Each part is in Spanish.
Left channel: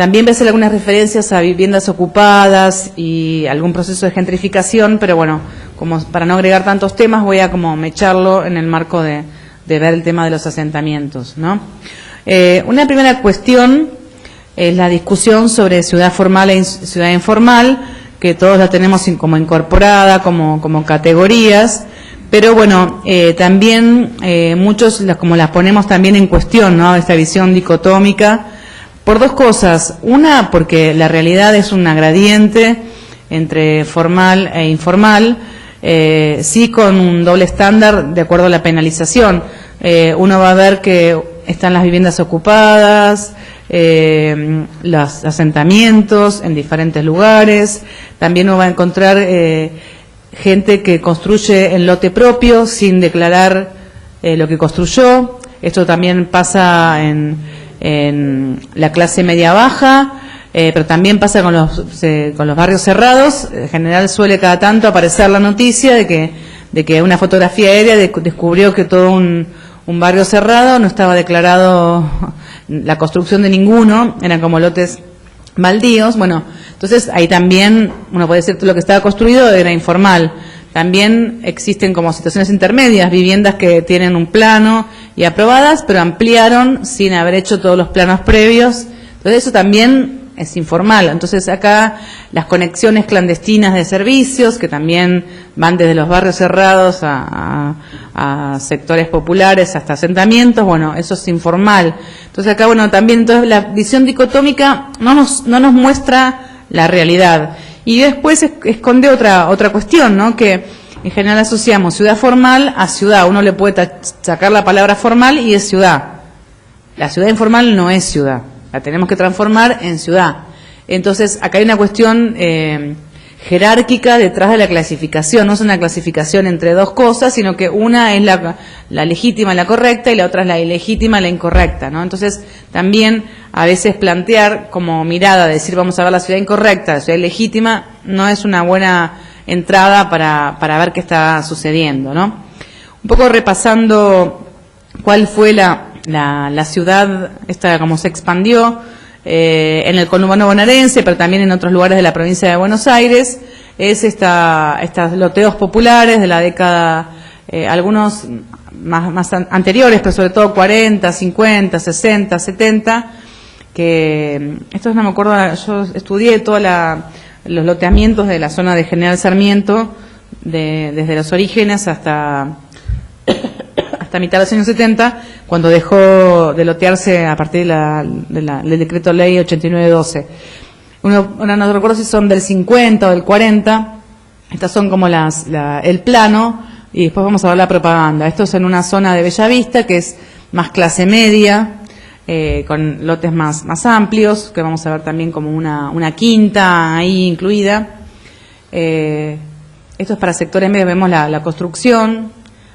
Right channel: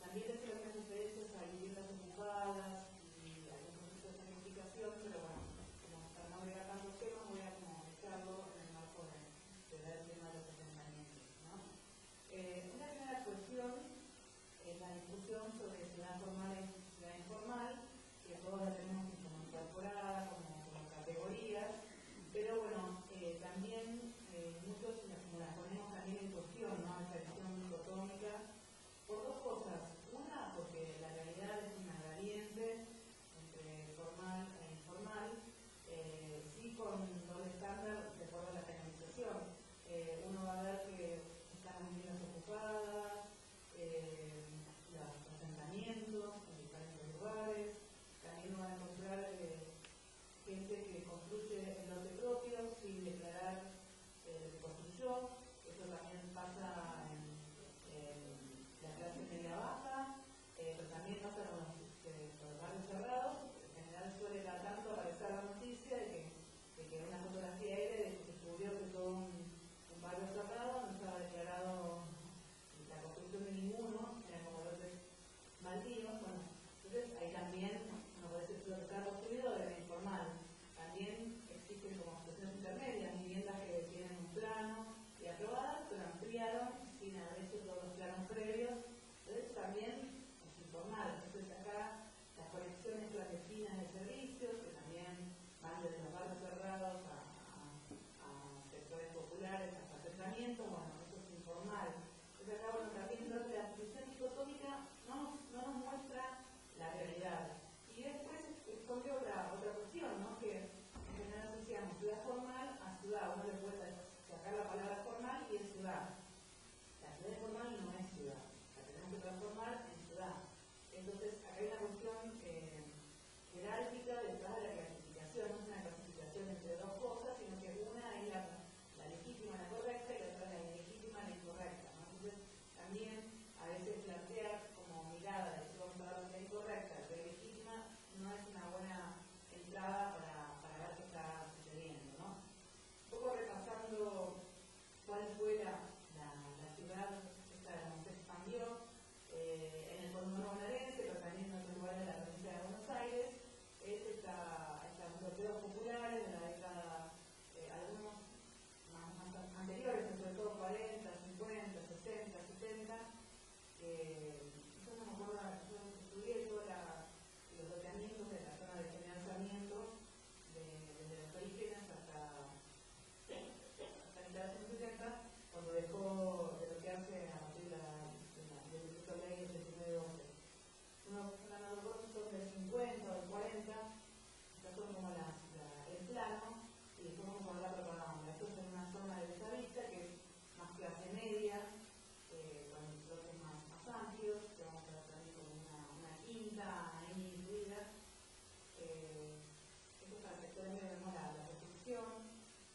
También ves algunas referencias a viviendas ocupadas y algún proceso de gentrificación, pero bueno, como para no agregar tantos temas, voy a como mecharlo en el marco de ver el tema de los asentamientos, ¿no? Una primera cuestión es la discusión sobre ciudad formal e ciudad informal, que todos la tenemos como incorporada, como categorías, pero bueno, también muchos como las ponemos también en cuestión, ¿no? Esta visión dicotómica, por dos cosas. Una, porque la realidad es una gradiente entre formal e informal, sí con un doble estándar de acuerdo a la penalización. Uno va a ver que están las viviendas ocupadas, los asentamientos en diferentes lugares. También uno va a encontrar gente que construye en lote propio sin declarar lo que construyó. Esto también pasa en la clase media-baja, pero también pasa con los barrios cerrados. En general suele cada tanto aparecer la noticia de que una fotografía aérea descubrió que todo un barrio cerrado no estaba declarado la construcción de ninguno, eran como lotes baldíos. Bueno, entonces ahí también uno puede decir que lo que estaba construido era informal. También existen como situaciones intermedias, viviendas que tienen un plano y aprobadas, pero ampliaron sin haber hecho todos los planos previos. Entonces eso también es informal. Entonces acá las conexiones clandestinas de servicios, que también van desde los barrios cerrados a sectores populares hasta asentamientos, bueno, eso es informal. Entonces acá, bueno, también entonces la visión dicotómica no nos muestra la realidad. Y después esconde otra cuestión, ¿no? Que en general asociamos ciudad formal a ciudad. Uno le puede sacar la palabra formal y es ciudad. La ciudad informal no es ciudad. La tenemos que transformar en ciudad. Entonces, acá hay una cuestión jerárquica detrás de la clasificación. No es una clasificación entre dos cosas, sino que una es la legítima, la correcta, y la otra es la ilegítima, la incorrecta, ¿no? Entonces, también a veces plantear como mirada, decir vamos a ver la ciudad incorrecta, la ciudad ilegítima, no es una buena entrada para ver qué está sucediendo, ¿no? Un poco repasando cuál fue la ciudad, esta como se expandió en el conurbano bonaerense, pero también en otros lugares de la provincia de Buenos Aires, es estas loteos populares de la década, algunos más anteriores, pero sobre todo 40, 50, 60, 70, que estos no me acuerdo, yo estudié todos los loteamientos de la zona de General Sarmiento, desde los orígenes hasta mitad de los años 70, cuando dejó de lotearse a partir del decreto ley 8912. Ahora no recuerdo si son del 50 o del 40, estas son como el plano, y después vamos a ver la propaganda. Esto es en una zona de Bellavista, que es más clase media, con lotes más amplios, que vamos a ver también como una quinta ahí incluida. Esto es para sectores medios, vemos la construcción,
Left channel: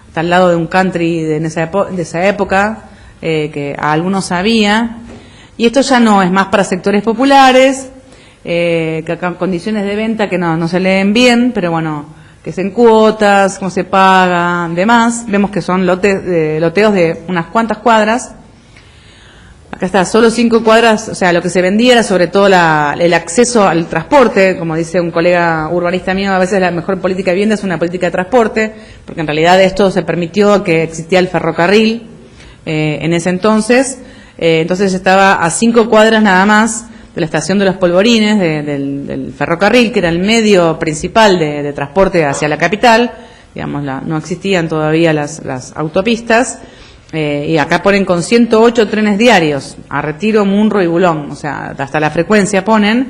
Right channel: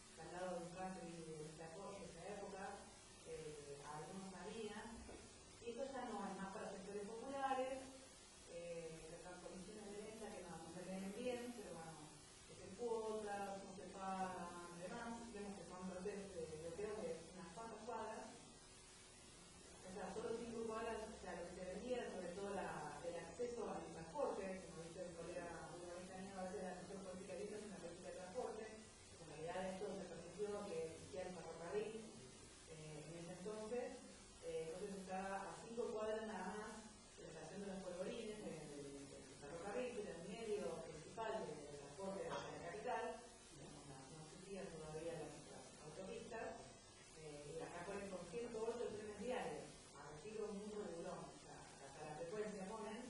está al lado de un country de esa época, que a algunos había, y esto ya no es más para sectores populares, que acá condiciones de venta que no se leen bien, pero bueno, que es en cuotas, cómo se paga, demás. Vemos que son loteos de unas cuantas cuadras. Acá está, solo 5 cuadras, o sea, lo que se vendía era sobre todo el acceso al transporte. Como dice un colega urbanista mío, a veces la mejor política de vivienda es una política de transporte, porque en realidad esto se permitió que existía el ferrocarril en ese entonces. Entonces estaba a 5 cuadras nada más de la estación de los Polvorines, del ferrocarril, que era el medio principal de transporte hacia la capital. Digamos, no existían todavía las autopistas. Y acá ponen con 108 trenes diarios a Retiro, Munro y Bulón, o sea, hasta la frecuencia ponen.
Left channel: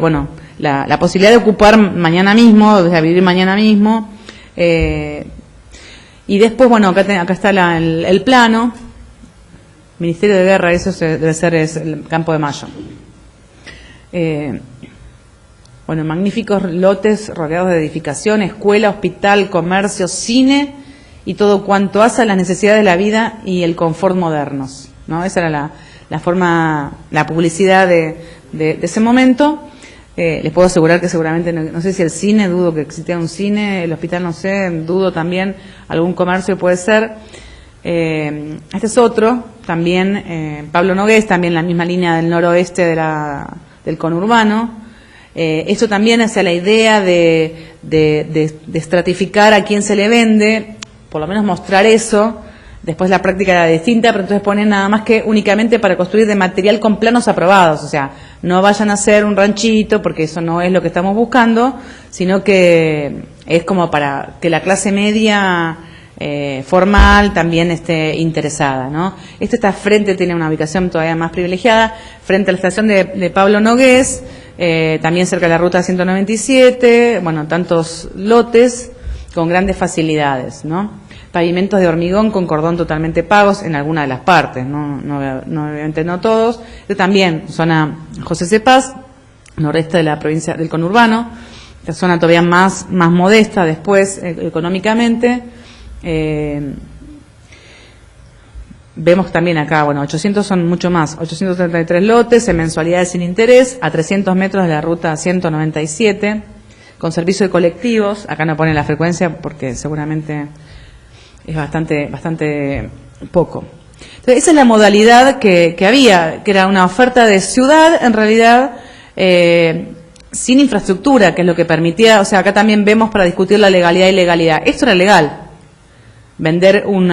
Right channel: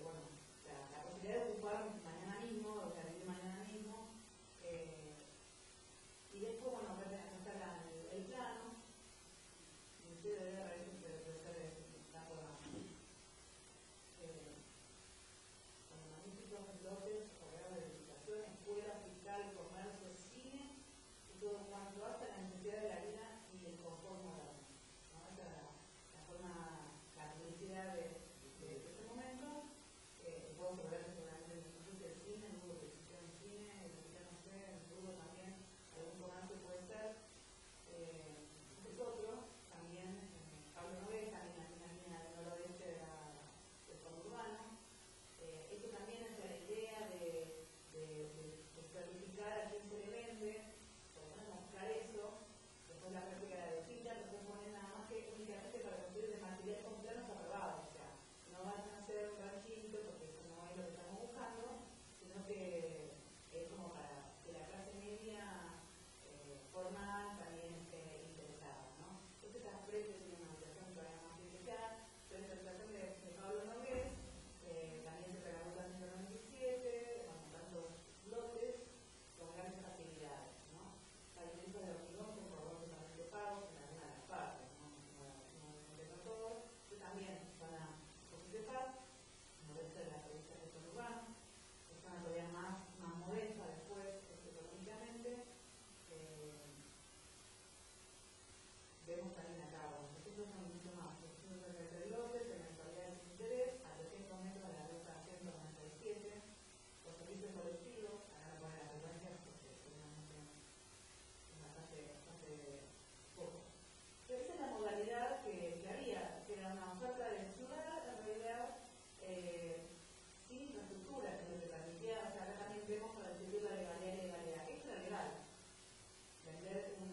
Bueno, la posibilidad de ocupar mañana mismo, de vivir mañana mismo. Y después, bueno, acá está el plano. Ministerio de Guerra, eso debe ser el Campo de Mayo. Bueno, magníficos lotes rodeados de edificación, escuela, hospital, comercio, cine y todo cuanto hace a las necesidades de la vida y el confort modernos, ¿no? Esa era la forma, la publicidad de ese momento. Les puedo asegurar que seguramente, no sé si el cine, dudo que existiera un cine, el hospital no sé, dudo también, algún comercio puede ser. Este es otro, también Pablo Nogués, también la misma línea del noroeste del conurbano. Esto también hacia la idea de estratificar a quién se le vende, por lo menos mostrar eso. Después la práctica era distinta, pero entonces ponen nada más que únicamente para construir de material con planos aprobados. O sea, no vayan a hacer un ranchito, porque eso no es lo que estamos buscando, sino que es como para que la clase media formal también esté interesada, ¿no? Esta frente tiene una ubicación todavía más privilegiada, frente a la estación de Pablo Nogués, también cerca de la ruta 197, bueno, tantos lotes con grandes facilidades, ¿no? Pavimentos de hormigón con cordón totalmente pagos en alguna de las partes, no obviamente no todos. Esto también, zona José Cepaz, noreste de la provincia del conurbano, la zona todavía más modesta después económicamente. Vemos también acá, bueno, 800 son mucho más, 833 lotes en mensualidades sin interés, a 300 metros de la ruta 197, con servicio de colectivos. Acá no ponen la frecuencia porque seguramente es bastante poco. Entonces, esa es la modalidad que había, que era una oferta de ciudad, en realidad, sin infraestructura, que es lo que permitía. O sea, acá también vemos para discutir la legalidad y ilegalidad. Esto era legal. Vender un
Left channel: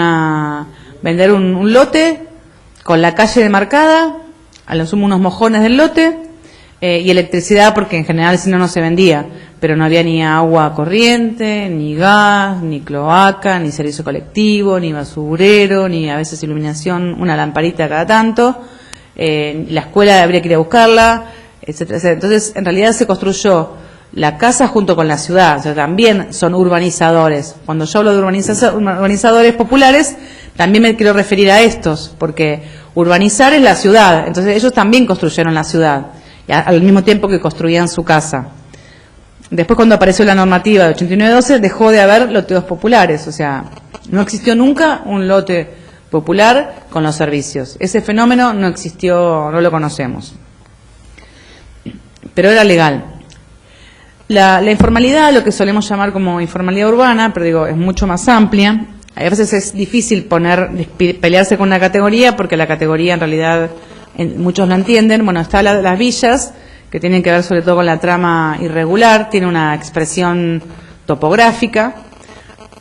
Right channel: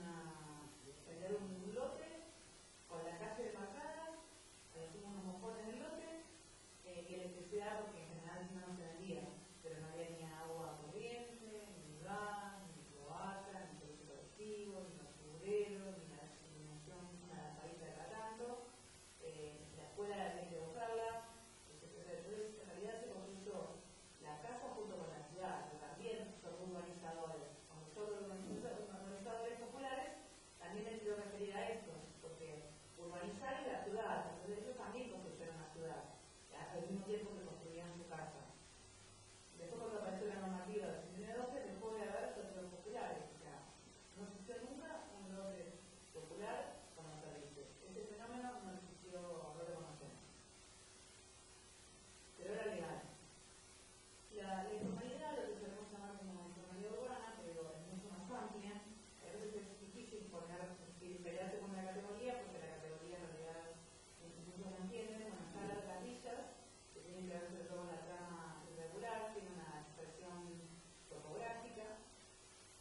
lote con la calle demarcada, a lo sumo unos mojones del lote, y electricidad, porque en general si no se vendía, pero no había ni agua corriente, ni gas, ni cloaca, ni servicio colectivo, ni basurero, ni a veces iluminación, una lamparita cada tanto, la escuela habría que ir a buscarla, etcétera, etcétera. Entonces, en realidad se construyó la casa junto con la ciudad, o sea, también son urbanizadores. Cuando yo hablo de urbanizadores populares, también me quiero referir a estos, porque urbanizar es la ciudad, entonces ellos también construyeron la ciudad, al mismo tiempo que construían su casa. Después, cuando apareció la normativa de 8912, dejó de haber loteos populares, o sea, no existió nunca un lote popular con los servicios. Ese fenómeno no existió, no lo conocemos. Pero era legal. La informalidad, lo que solemos llamar como informalidad urbana, pero digo, es mucho más amplia. A veces es difícil pelearse con una categoría, porque la categoría en realidad muchos la entienden. Bueno, está las villas, que tienen que ver sobre todo con la trama irregular, tiene una expresión topográfica.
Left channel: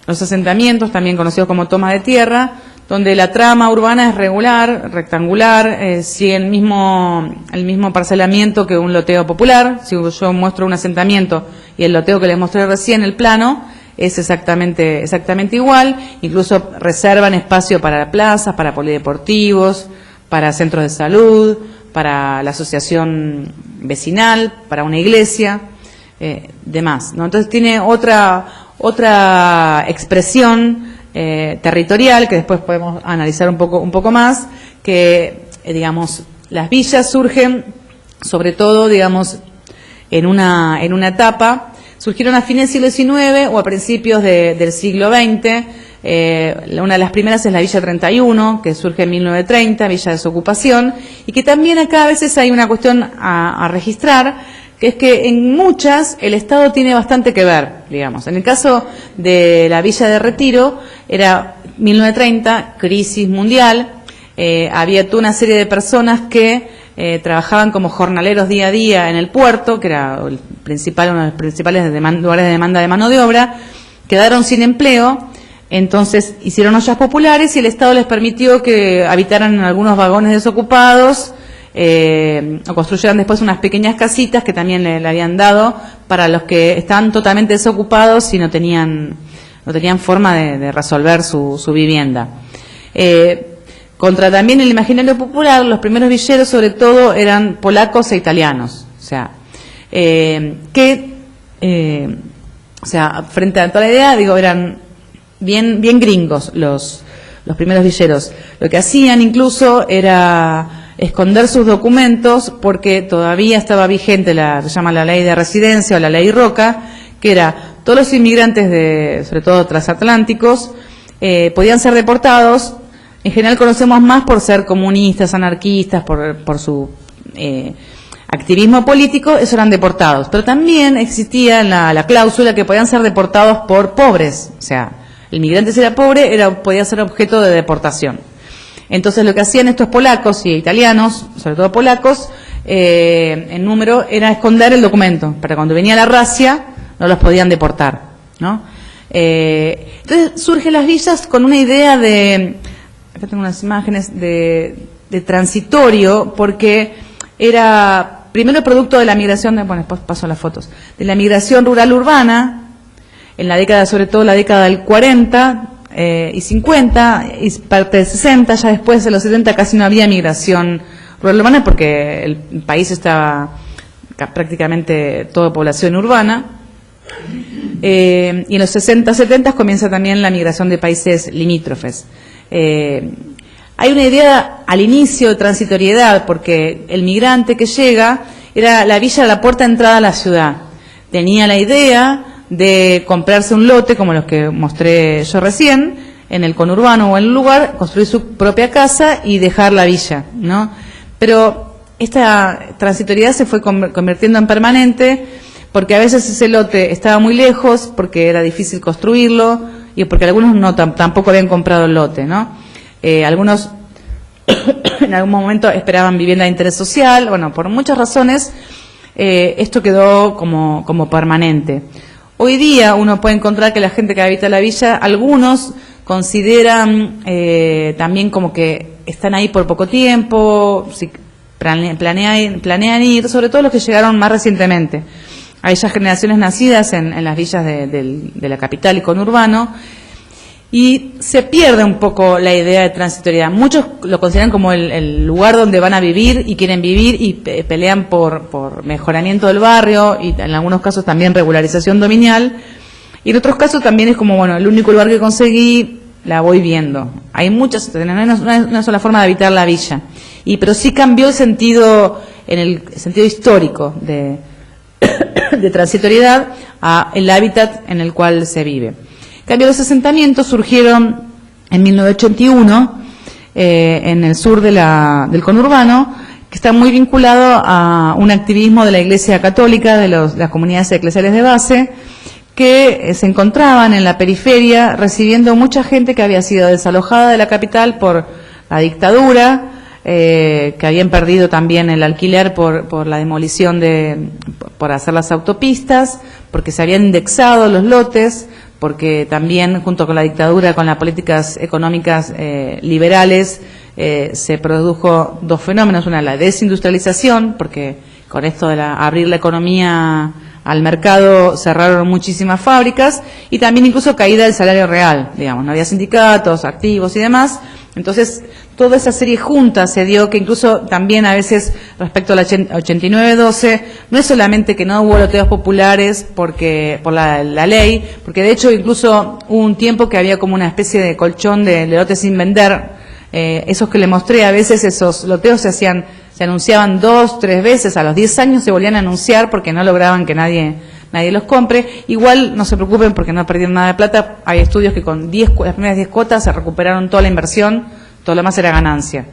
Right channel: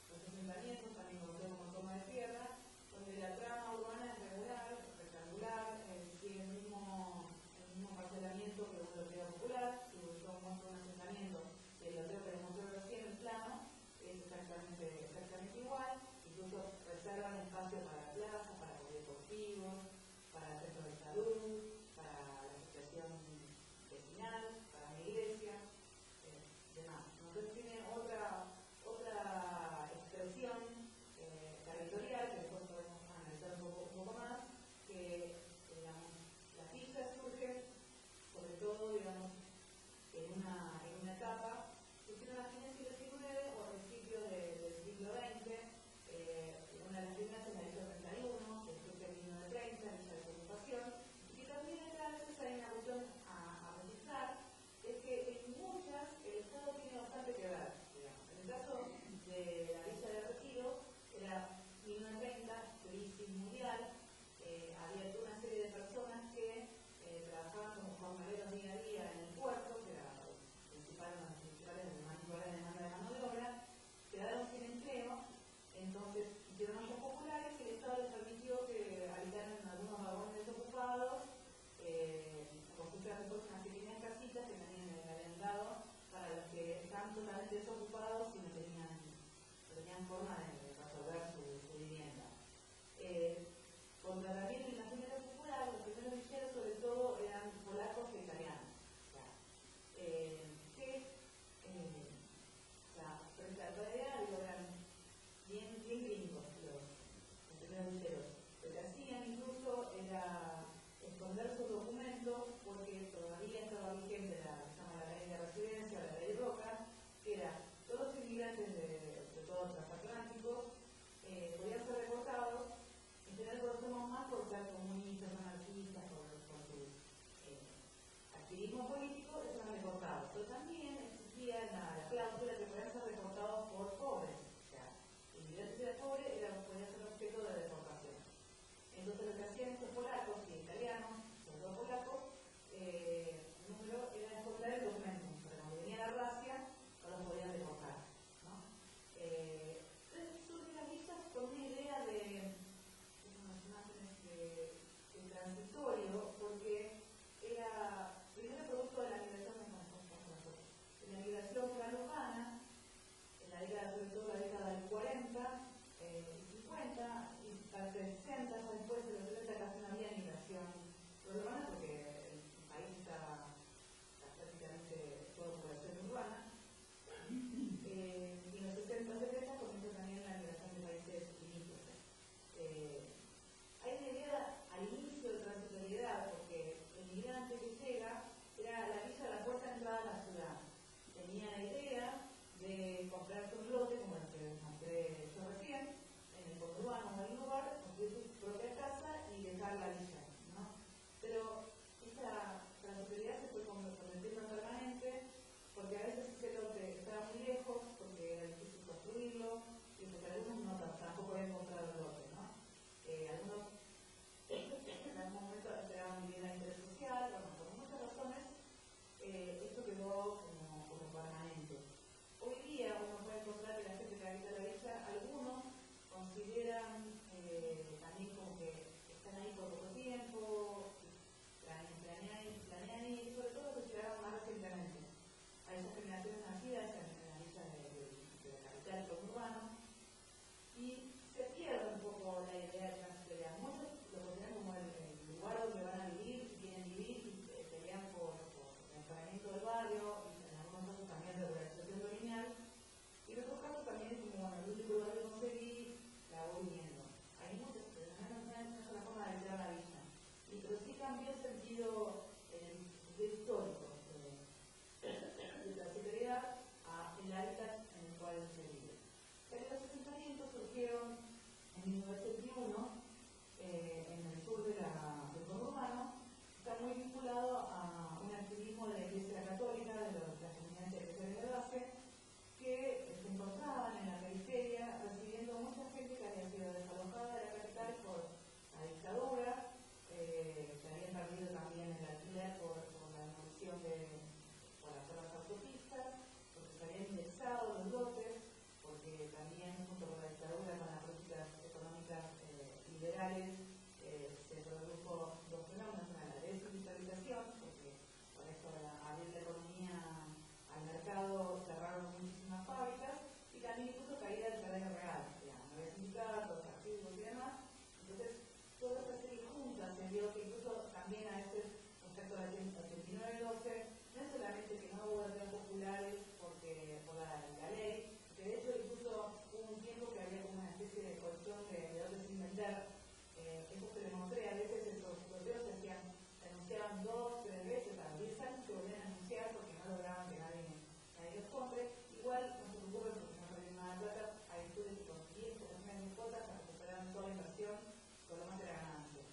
Los asentamientos, también conocidos como toma de tierra, donde la trama urbana es regular, rectangular, sigue el mismo parcelamiento que un loteo popular. Si yo muestro un asentamiento y el loteo que les mostré recién, el plano, es exactamente igual. Incluso reservan espacio para plazas, para polideportivos, para centros de salud, para la asociación vecinal, para una iglesia, demás, ¿no? Entonces tiene otra expresión territorial, que después podemos analizar un poco más, que digamos las villas surgen sobre todo, digamos, en una etapa, surgieron a fines del siglo XIX o a principios del siglo XX. Una de las primeras es la Villa 31, que surge en 1930, Villa de Desocupación, y que también acá a veces hay una cuestión a registrar, que es que en muchas el Estado tiene bastante que ver, digamos. En el caso de la Villa de Retiro, era 1930, crisis mundial, había toda una serie de personas que trabajaban como jornaleros día a día en el puerto, que era uno de los principales lugares de demanda de mano de obra, quedaron sin empleo. Entonces hicieron ollas populares y el Estado les permitió que habitaran en algunos vagones desocupados, o construyeran después unas pequeñas casitas que también le habían dado para los que estaban totalmente desocupados y no tenían forma de resolver su vivienda. Contra también el imaginario popular, los primeros villeros sobre todo eran polacos e italianos, o sea, frente a toda la idea, digo, eran bien gringos los primeros villeros. Lo que hacían incluso era esconder sus documentos, porque todavía estaba vigente se llama la ley de residencia o la ley Roca, que era todos los inmigrantes sobre todo transatlánticos, podían ser deportados. En general conocemos más por ser comunistas, anarquistas, por su activismo político, eso eran deportados. Pero también existía la cláusula que podían ser deportados por pobres, o sea, el migrante si era pobre podía ser objeto de deportación. Entonces lo que hacían estos polacos y italianos, sobre todo polacos, en número, era esconder el documento, para cuando venía la razzia no los podían deportar, ¿no? Entonces surgen las villas con una idea de, acá tengo unas imágenes, de transitorio, porque era primero producto de la migración, bueno, después paso a las fotos, de la migración rural-urbana, en la década, sobre todo la década del 40 y 50, y parte del 60, ya después de los 70 casi no había migración rural-urbana porque el país estaba prácticamente toda población urbana. Y en los 60, 70 comienza también la migración de países limítrofes. Hay una idea al inicio de transitoriedad, porque el migrante que llega, la villa era la puerta de entrada a la ciudad. Tenía la idea de comprarse un lote, como los que mostré yo recién, en el conurbano o en un lugar, construir su propia casa y dejar la villa, ¿no? Pero esta transitoriedad se fue convirtiendo en permanente, porque a veces ese lote estaba muy lejos, porque era difícil construirlo, y porque algunos tampoco habían comprado el lote, ¿no? Algunos en algún momento esperaban vivienda de interés social, bueno, por muchas razones esto quedó como permanente. Hoy día uno puede encontrar que la gente que habita la villa, algunos consideran también como que están ahí por poco tiempo, si planean ir, sobre todo los que llegaron más recientemente. Hay ya generaciones nacidas en las villas de la capital y conurbano, y se pierde un poco la idea de transitoriedad. Muchos lo consideran como el lugar donde van a vivir y quieren vivir y pelean por mejoramiento del barrio y en algunos casos también regularización dominial. Y en otros casos también es como, bueno, el único lugar que conseguí, la voy viendo. Hay muchas, no hay una sola forma de habitar la villa. Pero sí cambió el sentido, en el sentido histórico de transitoriedad a el hábitat en el cual se vive. En cambio, los asentamientos surgieron en 1981 en el sur del conurbano, que está muy vinculado a un activismo de la Iglesia Católica, de las comunidades eclesiales de base, que se encontraban en la periferia recibiendo mucha gente que había sido desalojada de la capital por la dictadura, que habían perdido también el alquiler por la demolición por hacer las autopistas, porque se habían indexado los lotes, porque también junto con la dictadura, con las políticas económicas liberales, se produjo dos fenómenos: una, la desindustrialización, porque con esto de abrir la economía al mercado cerraron muchísimas fábricas, y también incluso caída del salario real, digamos, no había sindicatos activos y demás. Entonces, toda esa serie junta se dio, que incluso también a veces respecto a la 89-12, no es solamente que no hubo loteos populares por la ley, porque de hecho incluso hubo un tiempo que había como una especie de colchón de lotes sin vender, esos que le mostré, a veces esos loteos se anunciaban 2, 3 veces, a los 10 años se volvían a anunciar porque no lograban que nadie los compre. Igual no se preocupen porque no perdieron nada de plata. Hay estudios que con las primeras 10 cuotas se recuperaron toda la inversión, todo lo más era ganancia.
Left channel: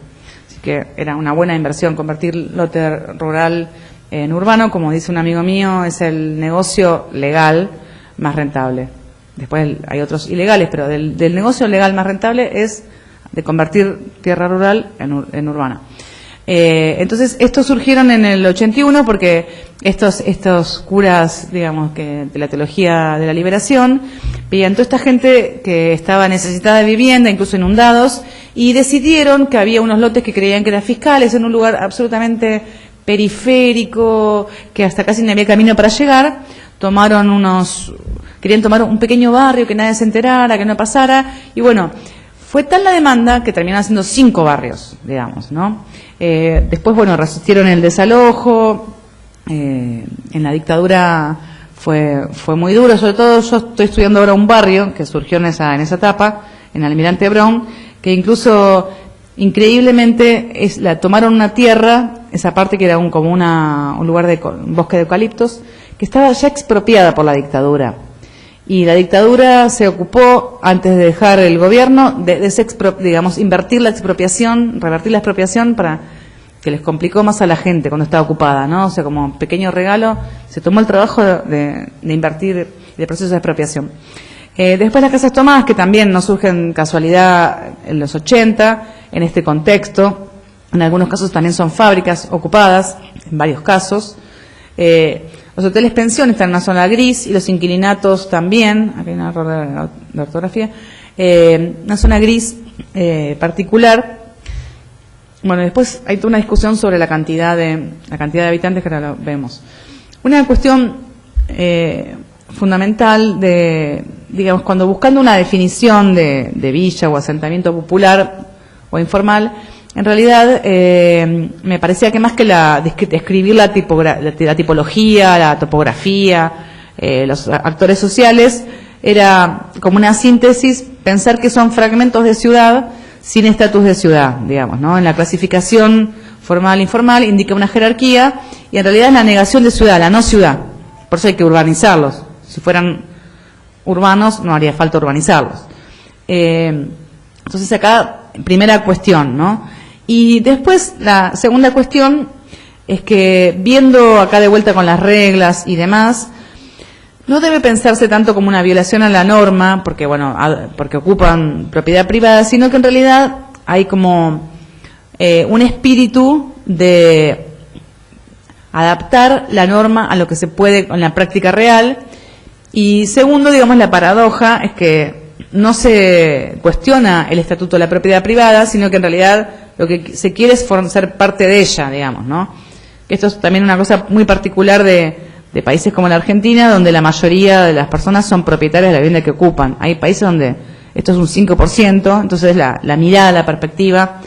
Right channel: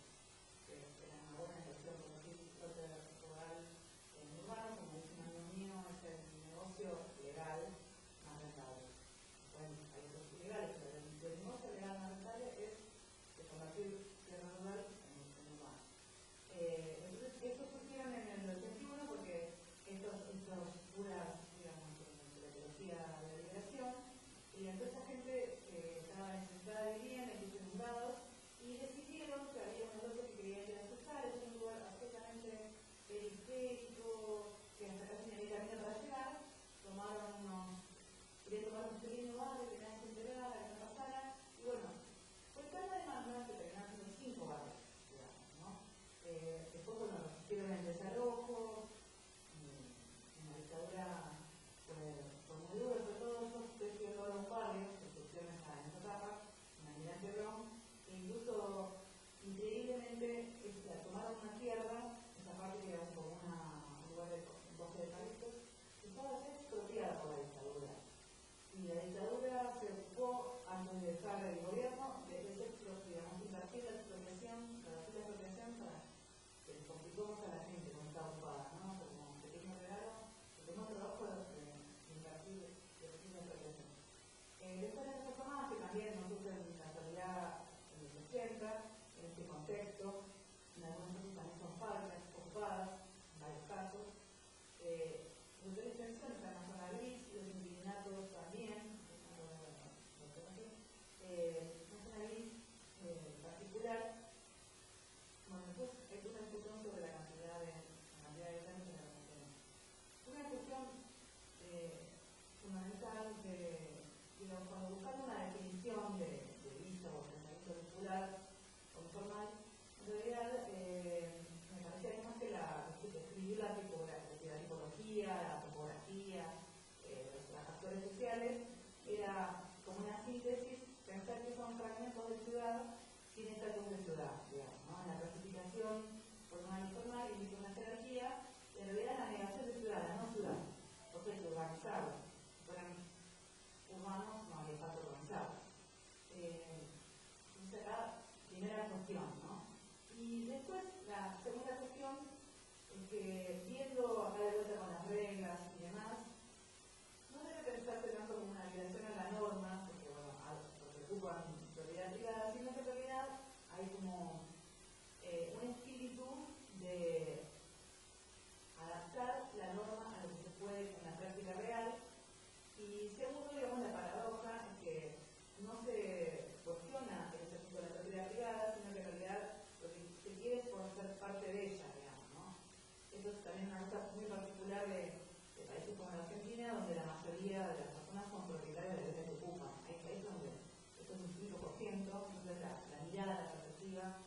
Así que era una buena inversión convertir lote rural en urbano. Como dice un amigo mío, es el negocio legal más rentable. Después hay otros ilegales, pero del negocio legal más rentable es de convertir tierra rural en urbana. Entonces, estos surgieron en el 81 porque estos curas, digamos, que de la teología de la liberación, veían toda esta gente que estaba necesitada de vivienda, incluso inundados, y decidieron que había unos lotes que creían que eran fiscales en un lugar absolutamente periférico, que hasta casi no había camino para llegar. Querían tomar un pequeño barrio que nadie se enterara, que no pasara, y bueno, fue tal la demanda que terminaron siendo 5 barrios, digamos, ¿no? Después, bueno, resistieron el desalojo, en la dictadura fue muy duro, sobre todo yo estoy estudiando ahora un barrio que surgió en esa etapa, en Almirante Brown, que incluso increíblemente tomaron una tierra, esa parte que era un lugar un bosque de eucaliptos, que estaba ya expropiada por la dictadura. Y la dictadura se ocupó, antes de dejar el gobierno, digamos, invertir la expropiación, revertir la expropiación para que les complicó más a la gente cuando estaba ocupada, ¿no? O sea, como pequeño regalo, se tomó el trabajo de invertir el proceso de expropiación. Después las casas tomadas, que también no surgen casualidad en los 80, en este contexto. En algunos casos también son fábricas ocupadas, en varios casos. Los hoteles pensión están en una zona gris y los inquilinatos también, aquí hay un error de ortografía, una zona gris particular. Bueno, después hay toda una discusión sobre la cantidad de habitantes, que ahora lo vemos. Una cuestión fundamental digamos, cuando buscando una definición de villa o asentamiento popular o informal, en realidad me parecía que más que describir la tipología, la topografía, los actores sociales, era como una síntesis pensar que son fragmentos de ciudad sin estatus de ciudad, digamos, ¿no? En la clasificación formal e informal indica una jerarquía y en realidad es la negación de ciudad, la no ciudad. Por eso hay que urbanizarlos. Si fueran urbanos no haría falta urbanizarlos. Entonces acá, primera cuestión, ¿no? Y después la segunda cuestión es que viendo acá de vuelta con las reglas y demás, no debe pensarse tanto como una violación a la norma, porque bueno, porque ocupan propiedad privada, sino que en realidad hay como un espíritu de adaptar la norma a lo que se puede en la práctica real. Y segundo, digamos, la paradoja es que no se cuestiona el estatuto de la propiedad privada, sino que en realidad lo que se quiere es ser parte de ella, digamos, ¿no? Esto es también una cosa muy particular de países como la Argentina, donde la mayoría de las personas son propietarias de la vivienda que ocupan. Hay países donde esto es un 5%, entonces la mirada, la perspectiva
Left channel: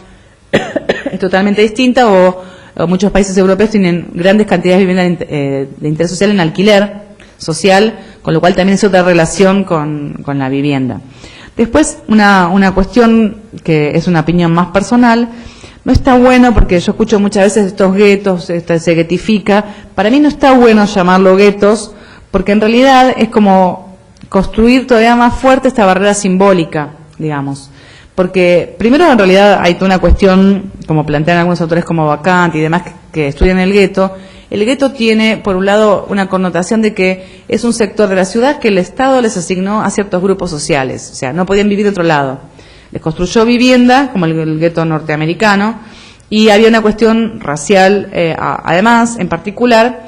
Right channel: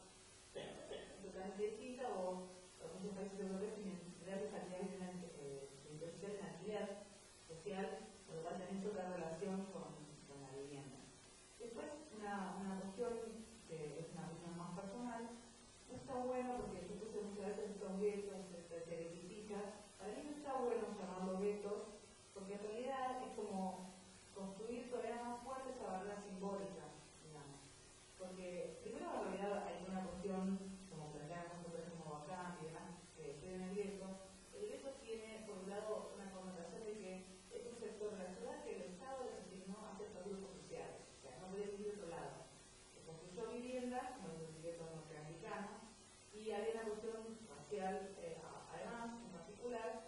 es totalmente distinta, o muchos países europeos tienen grandes cantidades de vivienda de interés social en alquiler social, con lo cual también es otra relación con la vivienda. Después, una cuestión que es una opinión más personal, no está bueno, porque yo escucho muchas veces estos guetos, se guetifica. Para mí no está bueno llamarlo guetos, porque en realidad es como construir todavía más fuerte esta barrera simbólica, digamos. Porque primero en realidad hay toda una cuestión, como plantean algunos autores como Bacant y demás que estudian el gueto. El gueto tiene, por un lado, una connotación de que es un sector de la ciudad que el Estado les asignó a ciertos grupos sociales, o sea, no podían vivir de otro lado. Les construyó vivienda, como el gueto norteamericano, y había una cuestión racial, además, en particular,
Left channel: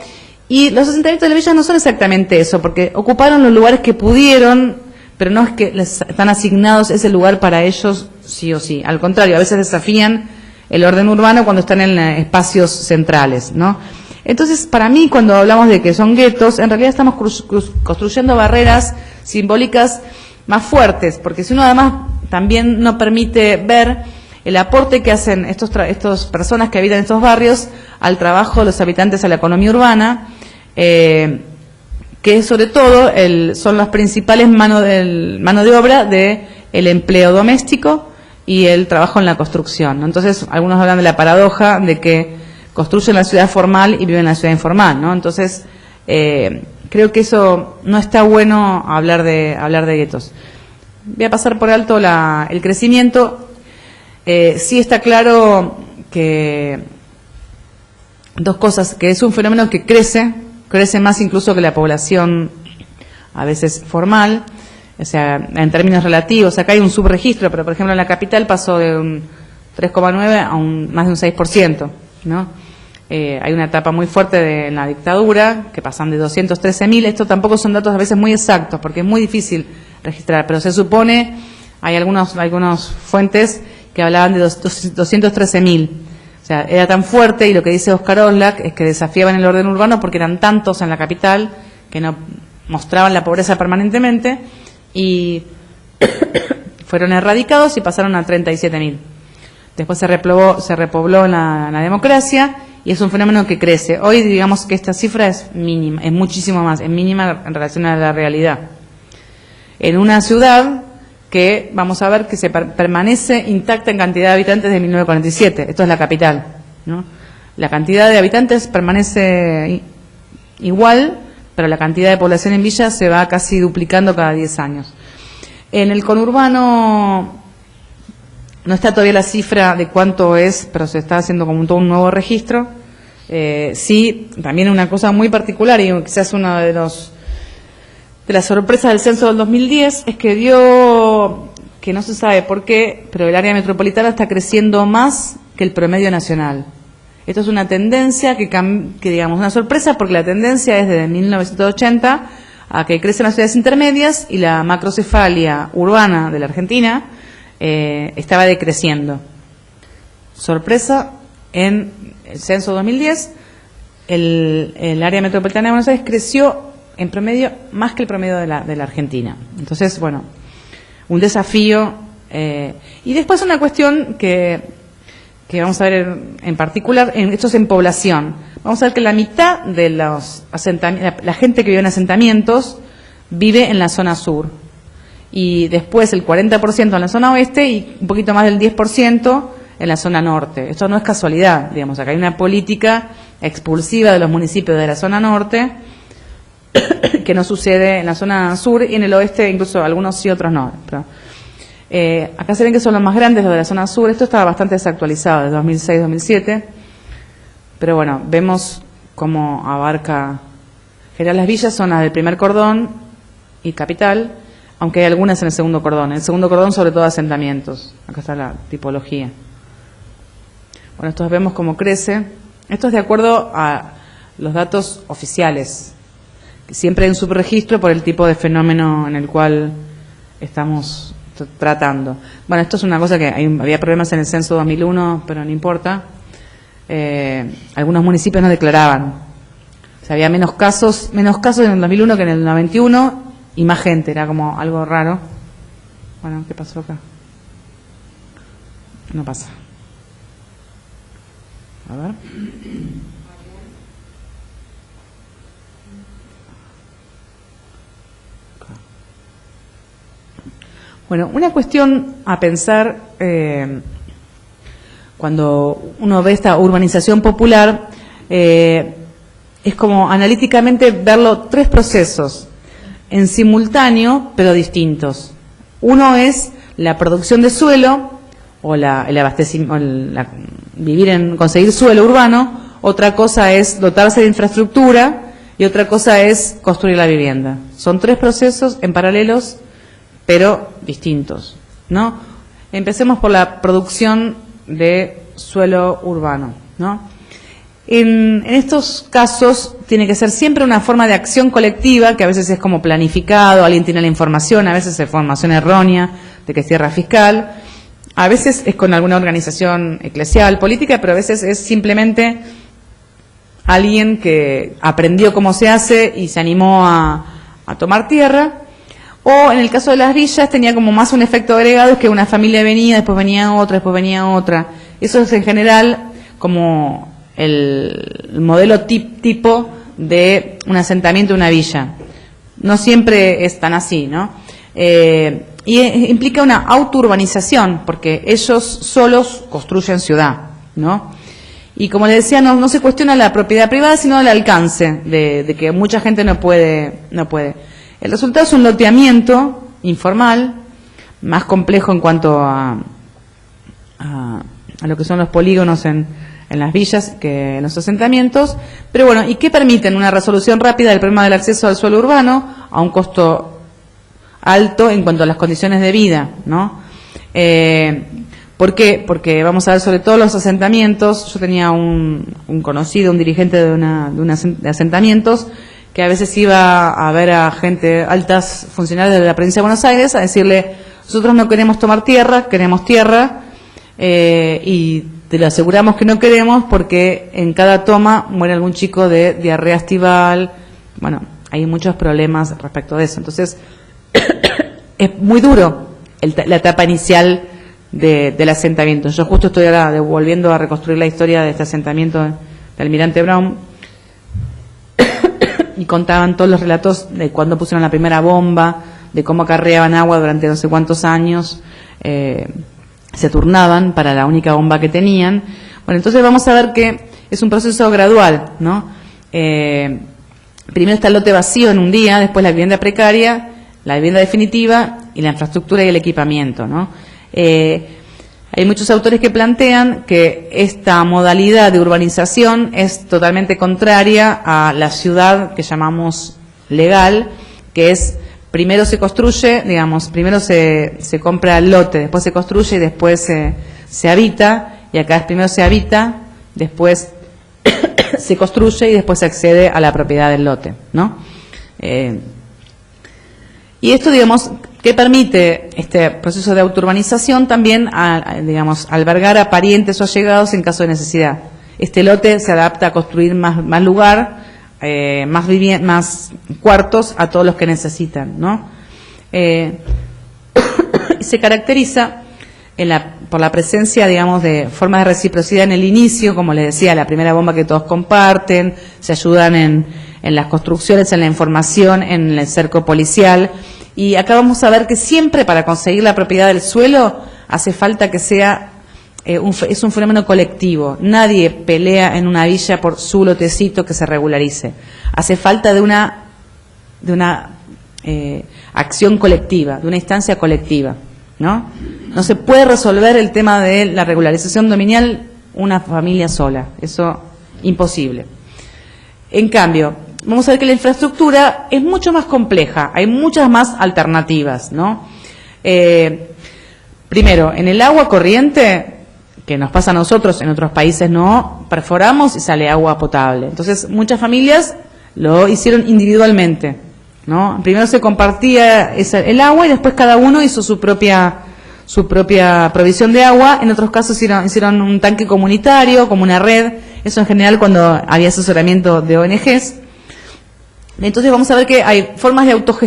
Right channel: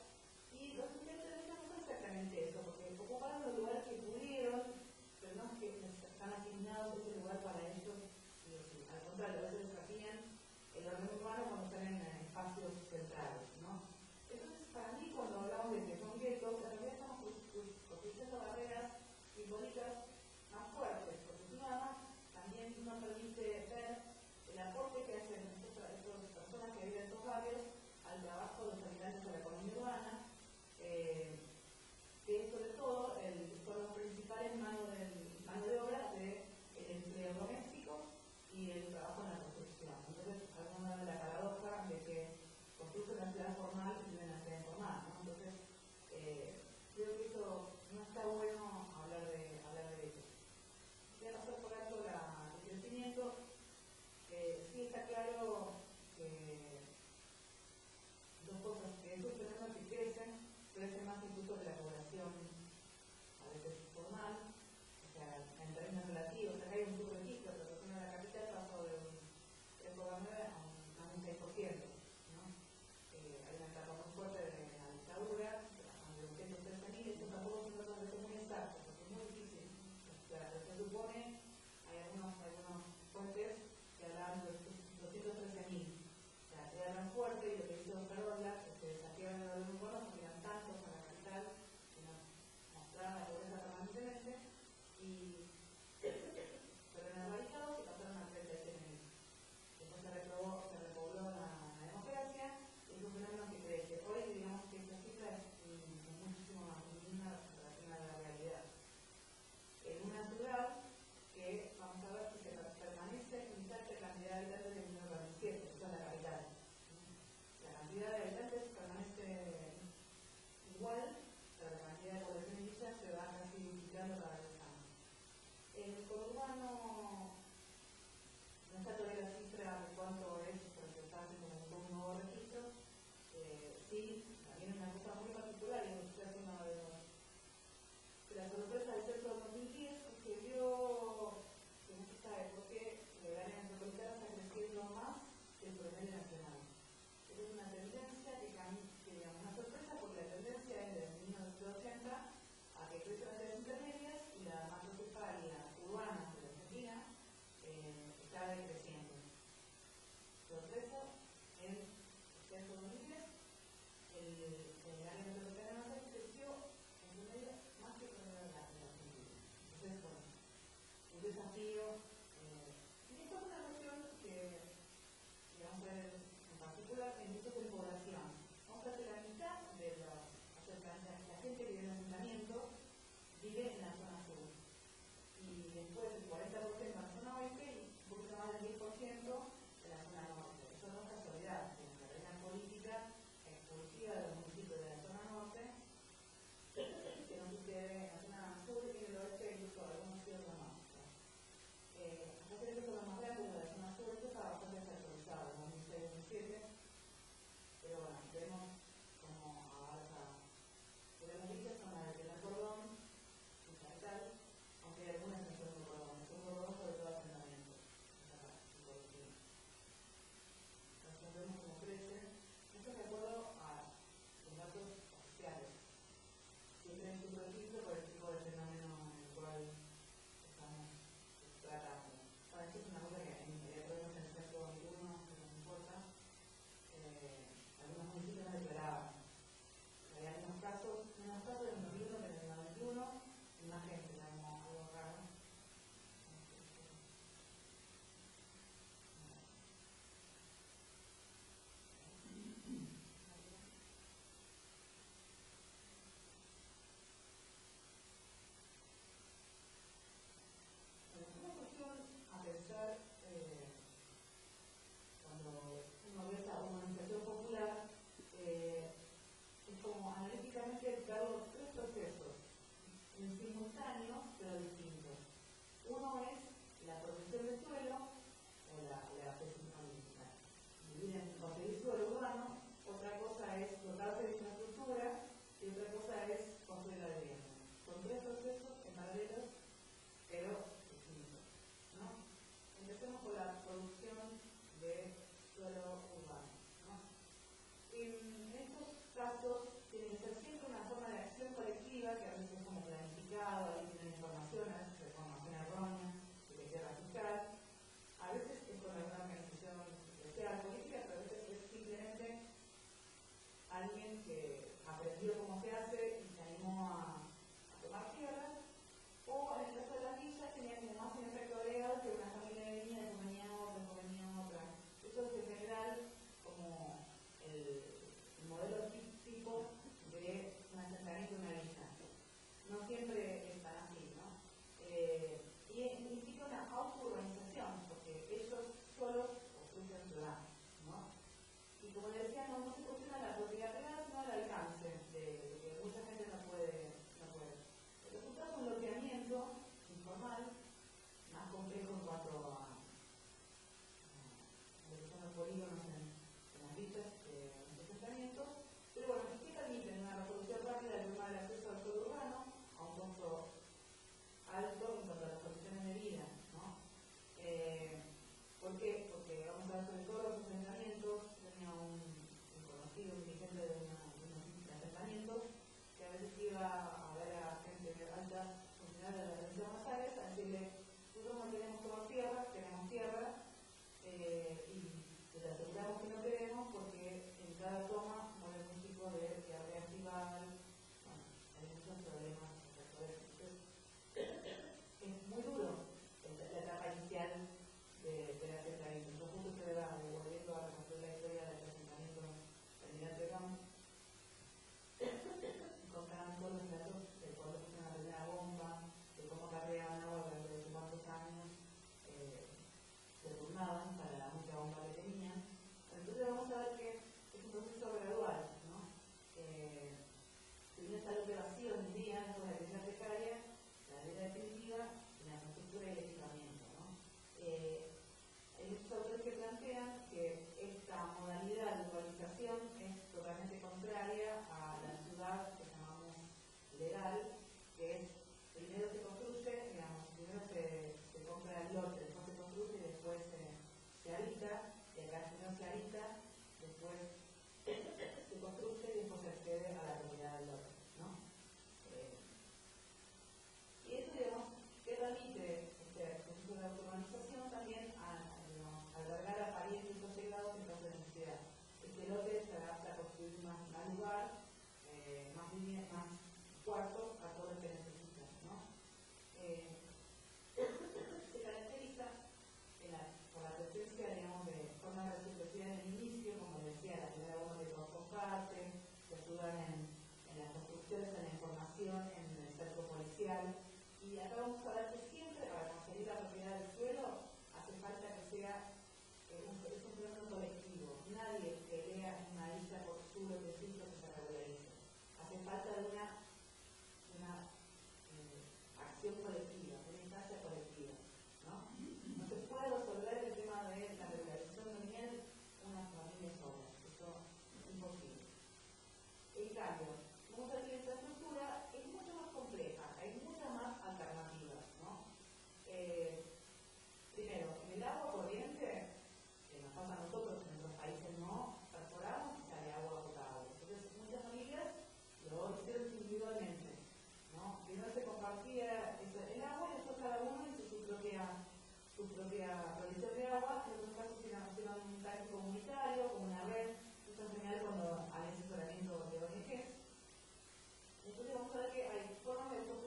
y los asentamientos de la villa no son exactamente eso, porque ocuparon los lugares que pudieron, pero no es que les están asignados ese lugar para ellos sí o sí. Al contrario, a veces desafían el orden urbano cuando están en espacios centrales, ¿no? Entonces, para mí, cuando hablamos de que son guetos, en realidad estamos construyendo barreras simbólicas más fuertes, porque si uno además también no permite ver el aporte que hacen estos personas que habitan en estos barrios al trabajo de los habitantes a la economía urbana, que sobre todo son las principales mano de obra del empleo doméstico y el trabajo en la construcción, ¿no? Entonces, algunos hablan de la paradoja de que construyen la ciudad formal y viven en la ciudad informal, ¿no? Entonces, creo que eso no está bueno hablar de guetos. Voy a pasar por alto el crecimiento. Sí está claro que dos cosas, que es un fenómeno que crece más incluso que la población a veces formal, o sea, en términos relativos. Acá hay un subregistro, pero por ejemplo en la capital pasó de un 3,9 a más de un 6%, ¿no? Hay una etapa muy fuerte en la dictadura, que pasan de 213.000, esto tampoco son datos a veces muy exactos, porque es muy difícil registrar, pero se supone, hay algunas fuentes que hablaban de 213.000. O sea, era tan fuerte, y lo que dice Oscar Oslak es que desafiaban el orden urbano porque eran tantos en la capital que no mostraban la pobreza permanentemente, y fueron erradicados y pasaron a 37.000. Después se repobló en la democracia, y es un fenómeno que crece. Hoy digamos que esta cifra es mínima, es muchísimo más, es mínima en relación a la realidad. En una ciudad que vamos a ver que se permanece intacta en cantidad de habitantes de 1947, esto es la capital, ¿no? La cantidad de habitantes permanece igual, pero la cantidad de población en Villa se va casi duplicando cada 10 años. En el conurbano no está todavía la cifra de cuánto es, pero se está haciendo como todo un nuevo registro. Sí, también una cosa muy particular, y quizás uno de los de la sorpresa del censo del 2010 es que dio, que no se sabe por qué, pero el área metropolitana está creciendo más que el promedio nacional. Esto es una tendencia que digamos, una sorpresa, porque la tendencia es desde 1980 a que crecen las ciudades intermedias y la macrocefalia urbana de la Argentina estaba decreciendo. Sorpresa, en el censo 2010, el área metropolitana de Buenos Aires creció en promedio más que el promedio de la Argentina. Entonces, bueno, un desafío. Y después una cuestión que vamos a ver en particular, esto es en población. Vamos a ver que la mitad de los asentamientos, la gente que vive en asentamientos vive en la zona sur. Y después el 40% en la zona oeste y un poquito más del 10% en la zona norte. Esto no es casualidad, digamos, acá hay una política expulsiva de los municipios de la zona norte que no sucede en la zona sur, y en el oeste incluso algunos sí, otros no. Pero, acá se ven que son los más grandes, los de la zona sur. Esto estaba bastante desactualizado, de 2006-2007, pero bueno, vemos cómo abarca. General, las villas son las del primer cordón y capital, aunque hay algunas en el segundo cordón. En el segundo cordón, sobre todo, asentamientos. Acá está la tipología. Bueno, estos vemos cómo crece. Esto es de acuerdo a los datos oficiales. Siempre hay un subregistro por el tipo de fenómeno en el cual estamos tratando. Bueno, esto es una cosa que había problemas en el censo 2001, pero no importa. Algunos municipios no declaraban. O sea, había menos casos en el 2001 que en el 91 y más gente, era como algo raro. Bueno, ¿qué pasó acá? No pasa. A ver. Bueno, una cuestión a pensar cuando uno ve esta urbanización popular es como analíticamente verlo tres procesos en simultáneo pero distintos. Uno es la producción de suelo o el abastecimiento, conseguir suelo urbano. Otra cosa es dotarse de infraestructura y otra cosa es construir la vivienda. Son tres procesos en paralelos pero distintos, ¿no? Empecemos por la producción de suelo urbano, ¿no? En estos casos tiene que ser siempre una forma de acción colectiva, que a veces es como planificado, alguien tiene la información, a veces es información errónea de que es tierra fiscal, a veces es con alguna organización eclesial, política, pero a veces es simplemente alguien que aprendió cómo se hace y se animó a tomar tierra. O en el caso de las villas tenía como más un efecto agregado, es que una familia venía, después venía otra. Eso es en general como el modelo tipo de un asentamiento de una villa. No siempre es tan así, ¿no? Y implica una autourbanización, porque ellos solos construyen ciudad, ¿no? Y como les decía, no se cuestiona la propiedad privada, sino el alcance de que mucha gente no puede. El resultado es un loteamiento informal, más complejo en cuanto a lo que son los polígonos en las villas que en los asentamientos. Pero bueno, ¿y qué permiten? Una resolución rápida del problema del acceso al suelo urbano a un costo alto en cuanto a las condiciones de vida, ¿no? ¿Por qué? Porque vamos a ver, sobre todo los asentamientos. Yo tenía un conocido, un dirigente de asentamientos, que a veces iba a ver a gente, altas funcionarios de la provincia de Buenos Aires, a decirle: nosotros no queremos tomar tierra, queremos tierra, y te lo aseguramos que no queremos porque en cada toma muere algún chico de diarrea estival. Bueno, hay muchos problemas respecto de eso. Entonces, es muy duro la etapa inicial del asentamiento. Yo justo estoy ahora volviendo a reconstruir la historia de este asentamiento de Almirante Brown, y contaban todos los relatos de cuando pusieron la primera bomba, de cómo acarreaban agua durante no sé cuántos años, se turnaban para la única bomba que tenían. Bueno, entonces vamos a ver que es un proceso gradual, ¿no? Primero está el lote vacío en un día, después la vivienda precaria, la vivienda definitiva y la infraestructura y el equipamiento, ¿no? Hay muchos autores que plantean que esta modalidad de urbanización es totalmente contraria a la ciudad que llamamos legal, que es primero se construye, digamos, primero se compra el lote, después se construye y después se habita, y acá es primero se habita, después se construye y después se accede a la propiedad del lote, ¿no? Y esto, digamos, que permite este proceso de autourbanización también, digamos, albergar a parientes o allegados en caso de necesidad. Este lote se adapta a construir más lugar, más cuartos a todos los que necesitan, ¿no? Se caracteriza por la presencia, digamos, de formas de reciprocidad en el inicio, como les decía, la primera bomba que todos comparten, se ayudan en las construcciones, en la información, en el cerco policial. Y acá vamos a ver que siempre para conseguir la propiedad del suelo hace falta que sea, es un fenómeno colectivo. Nadie pelea en una villa por su lotecito que se regularice. Hace falta de una acción colectiva, de una instancia colectiva, ¿no? No se puede resolver el tema de la regularización dominial una familia sola, eso imposible. En cambio, vamos a ver que la infraestructura es mucho más compleja, hay muchas más alternativas, ¿no? Primero, en el agua corriente, que nos pasa a nosotros, en otros países no, perforamos y sale agua potable. Entonces, muchas familias lo hicieron individualmente, ¿no? Primero se compartía el agua y después cada uno hizo su propia provisión de agua. En otros casos hicieron un tanque comunitario, como una red. Eso en general cuando había asesoramiento de ONGs. Entonces vamos a ver que hay formas de autogestión